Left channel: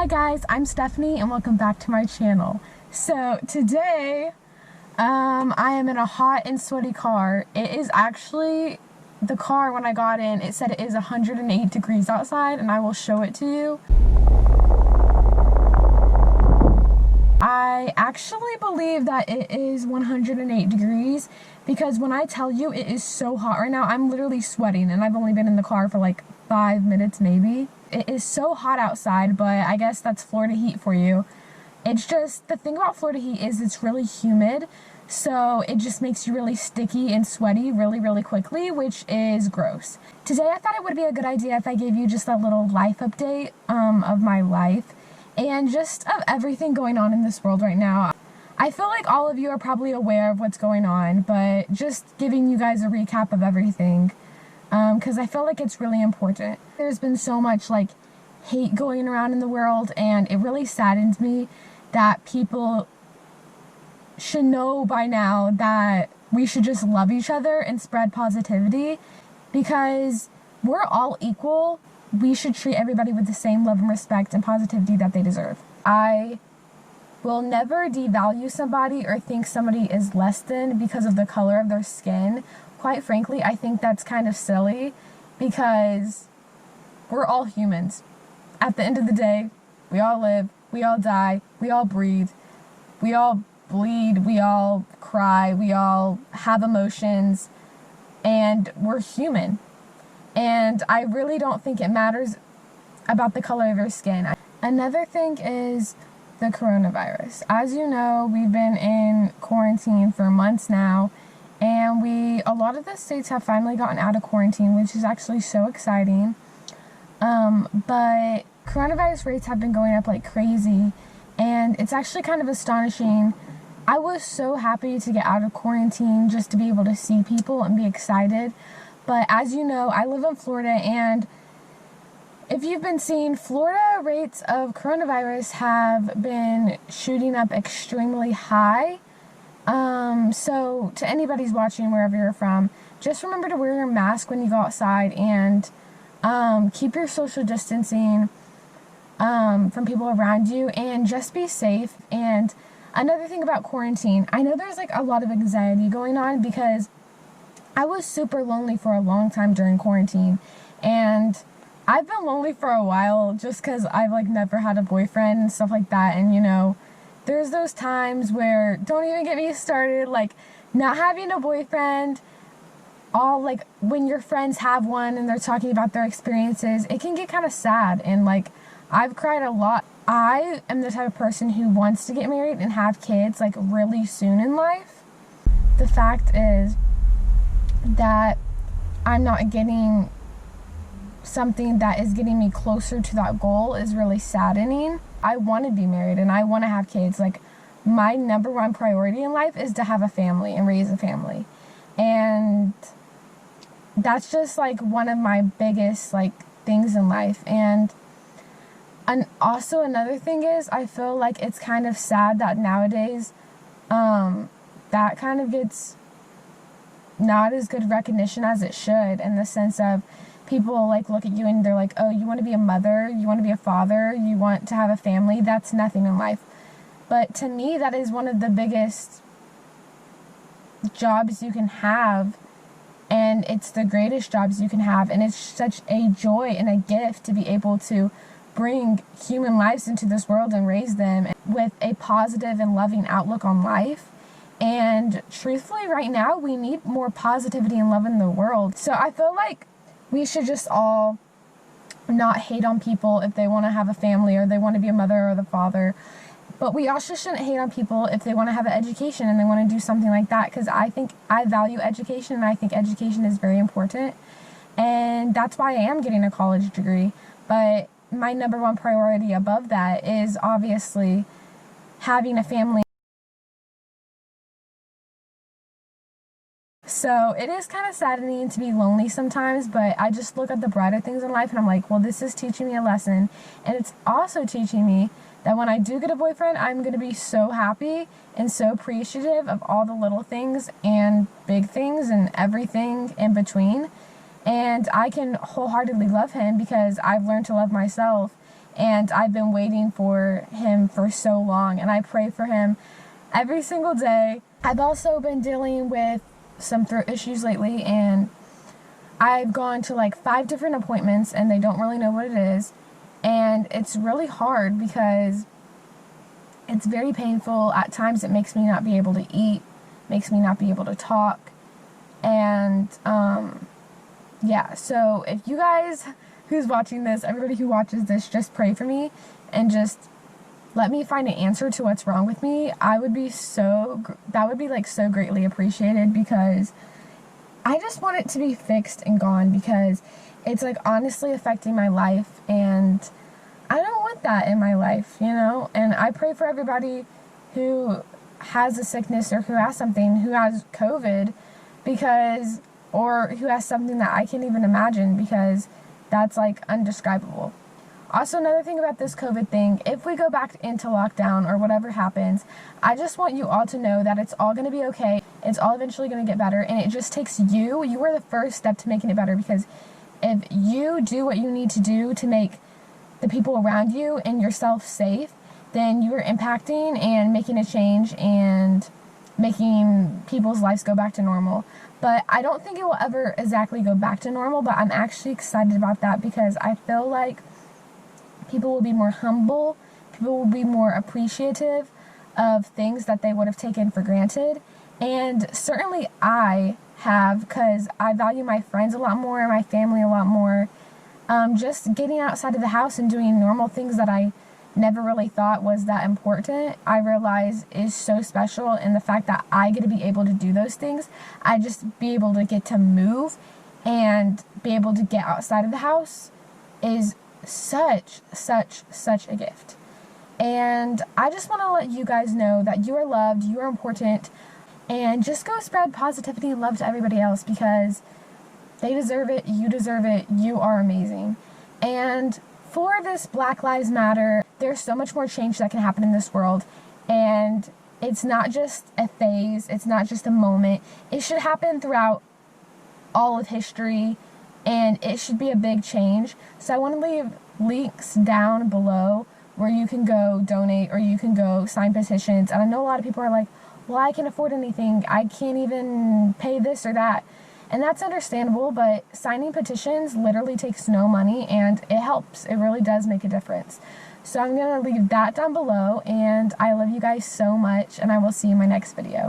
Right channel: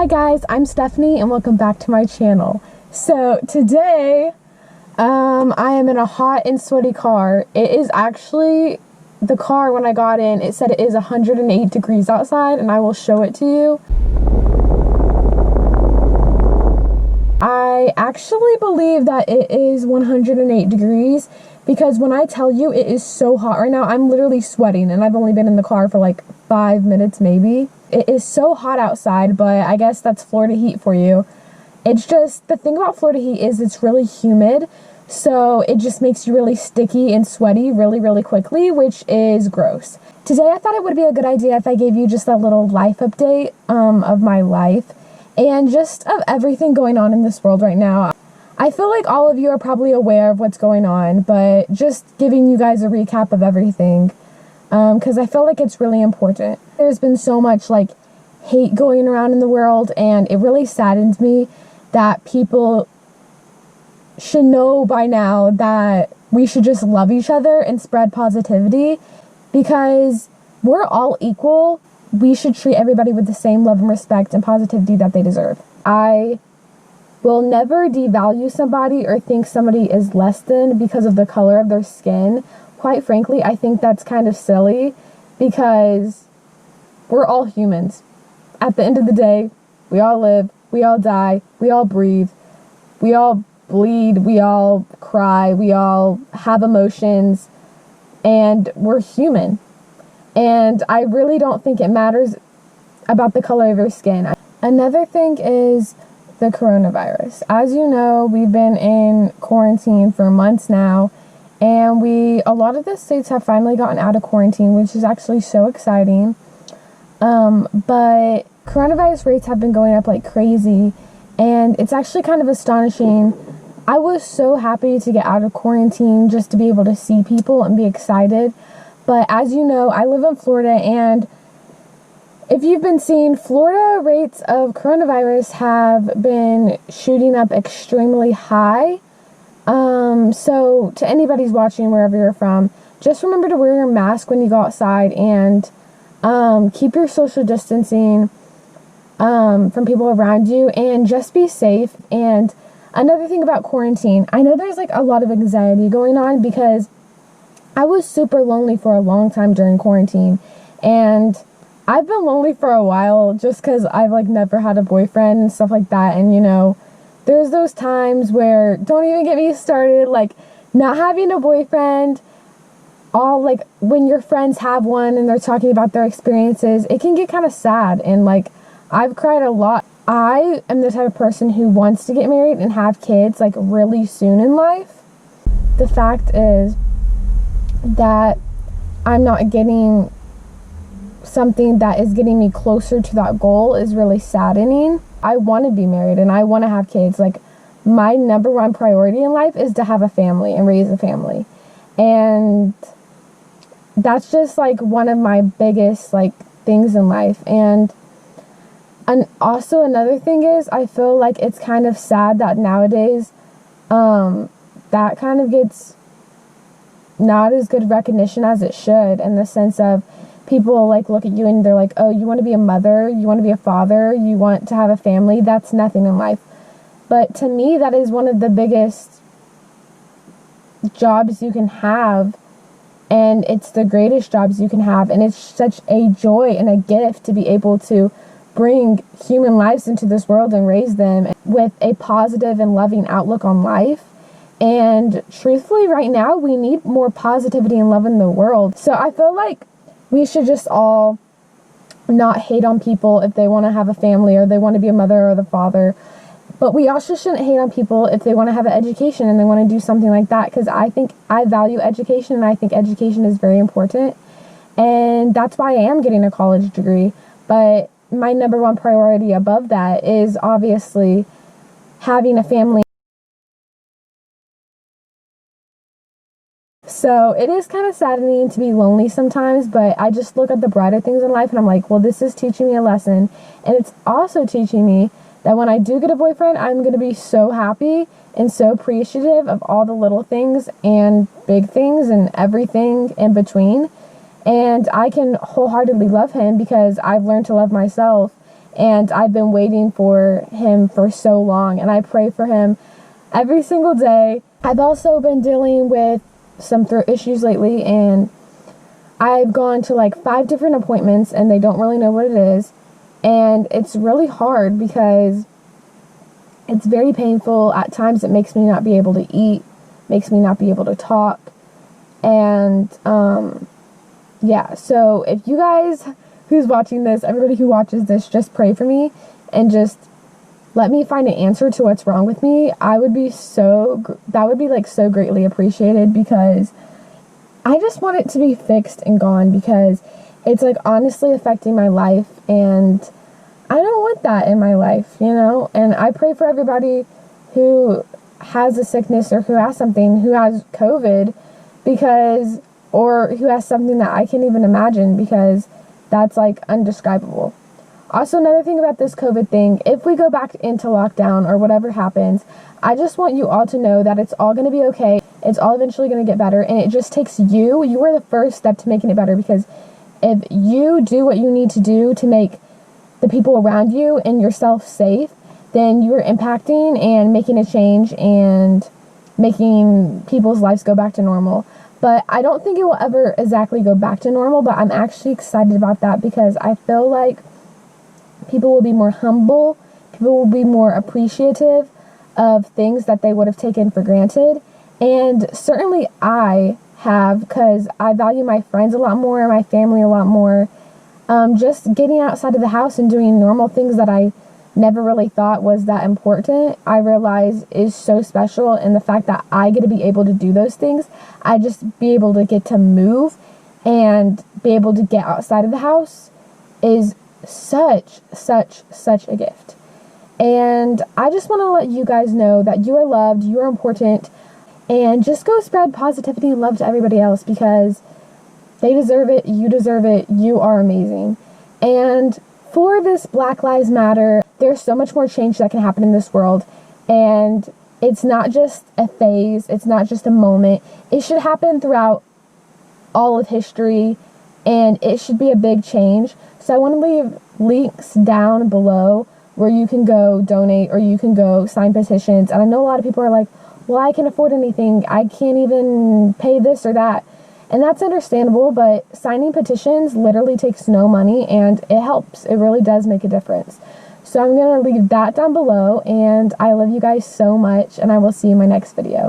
Hi guys, I'm Stephanie and welcome back to my channel. So today, I am in a hot and sweaty car. It is actually, the car when I got in, it said it is 108 degrees outside and I will show it to you. I actually believe that it is 108 degrees because when I tell you it is so hot right now, I'm literally sweating and I've only been in the car for like 5 minutes maybe. It is so hot outside, but I guess that's Florida heat for you. It's just, the thing about Florida heat is it's really humid, so it just makes you really sticky and sweaty really quickly, which is gross. Today I thought it would be a good idea if I gave you just a little life update of my life and just of everything going on in this world right now. I feel like all of you are probably aware of what's going on, but just giving you guys a recap of everything because I feel like it's really important. There's been so much like hate going around in the world, and it really saddens me that people should know by now that we should just love each other and spread positivity because we're all equal. We should treat everybody with the same love and respect and positivity that they deserve. I will never devalue somebody or think somebody is less than because of the color of their skin. Quite frankly, I think that's kind of silly because we're all humans. At the end of the day, we all live, we all die, we all breathe, we all bleed, we all cry, we all have emotions, and we're human. And I really don't think it matters about the color of your skin. Another thing is the coronavirus. As you know, we've been in quarantine for months now, and a lot of the states have finally gotten out of quarantine, which is actually so exciting. But coronavirus rates have been going up like crazy, and it's actually kind of astonishing. I was so happy to get out of quarantine just to be able to see people and be excited. But as you know, I live in Florida, and if you've been seeing, Florida rates of coronavirus have been shooting up extremely high. So to anybody's watching, wherever you're from, just remember to wear your mask when you go outside and keep your social distancing from people around you, and just be safe. And another thing about quarantine, I know there's like a lot of anxiety going on because I was super lonely for a long time during quarantine, and I've been lonely for a while just because I've like never had a boyfriend and stuff like that. And you know, there's those times where, don't even get me started, like not having a boyfriend, all like when your friends have one and they're talking about their experiences, it can get kind of sad. And like, I've cried a lot. I am the type of person who wants to get married and have kids like really soon in life. The fact is that I'm not getting something that is getting me closer to that goal is really saddening. I want to be married and I want to have kids. Like, my number one priority in life is to have a family and raise a family. And that's just like one of my biggest like things in life. And also another thing is, I feel like it's kind of sad that nowadays that kind of gets not as good recognition as it should, in the sense of people like look at you and they're like, oh, you want to be a mother, you want to be a father, you want to have a family. That's nothing in life. But to me, that is one of the biggest jobs you can have, and it's the greatest jobs you can have, and it's such a joy and a gift to be able to bring human lives into this world and raise them with a positive and loving outlook on life. And truthfully, right now, we need more positivity and love in the world. So I feel like we should just all not hate on people if they want to have a family or they want to be a mother or the father. But we also shouldn't hate on people if they want to have an education and they want to do something like that, because I think I value education and I think education is very important. And that's why I am getting a college degree. But my number one priority above that is obviously having a family. So it is kind of saddening to be lonely sometimes, but I just look at the brighter things in life and I'm like, well, this is teaching me a lesson. And it's also teaching me that when I do get a boyfriend, I'm going to be so happy and so appreciative of all the little things and big things and everything in between. And I can wholeheartedly love him because I've learned to love myself. and I've been waiting for him for so long, and I pray for him every single day. I've also been dealing with some throat issues lately, and I've gone to like 5 different appointments and they don't really know what it is. And it's really hard because it's very painful. At times it makes me not be able to eat, makes me not be able to talk. And yeah, so if you guys who's watching this, everybody who watches this, just pray for me and just let me find an answer to what's wrong with me. That would be like so greatly appreciated, because I just want it to be fixed and gone, because it's like honestly affecting my life, and I don't want that in my life, you know? And I pray for everybody who has a sickness or who has something, who has COVID, or who has something that I can't even imagine, because that's like undescribable. Also, another thing about this COVID thing, if we go back into lockdown or whatever happens, I just want you all to know that it's all going to be okay. It's all eventually going to get better, and it just takes you. You are the first step to making it better, because if you do what you need to do to make the people around you and yourself safe, then you are impacting and making a change and making people's lives go back to normal. But I don't think it will ever exactly go back to normal, but I'm actually excited about that, because I feel like people will be more humble, people will be more appreciative of things that they would have taken for granted. And certainly I have, because I value my friends a lot more, my family a lot more. Just getting outside of the house and doing normal things that I never really thought was that important, I realize is so special. And the fact that I get to be able to do those things, I just be able to get to move and be able to get outside of the house is such a gift. And I just want to let you guys know that you are loved, you are important, and just go spread positivity and love to everybody else, because they deserve it, you deserve it, you are amazing. And for this Black Lives Matter, there's so much more change that can happen in this world, and it's not just a phase, it's not just a moment. It should happen throughout all of history, and it should be a big change. So I want to leave links down below where you can go donate or you can go sign petitions. And I know a lot of people are like, well, I can't afford anything, I can't even pay this or that. And that's understandable, but signing petitions literally takes no money, and it helps. It really does make a difference. So I'm going to leave that down below, and I love you guys so much, and I will see you in my next video.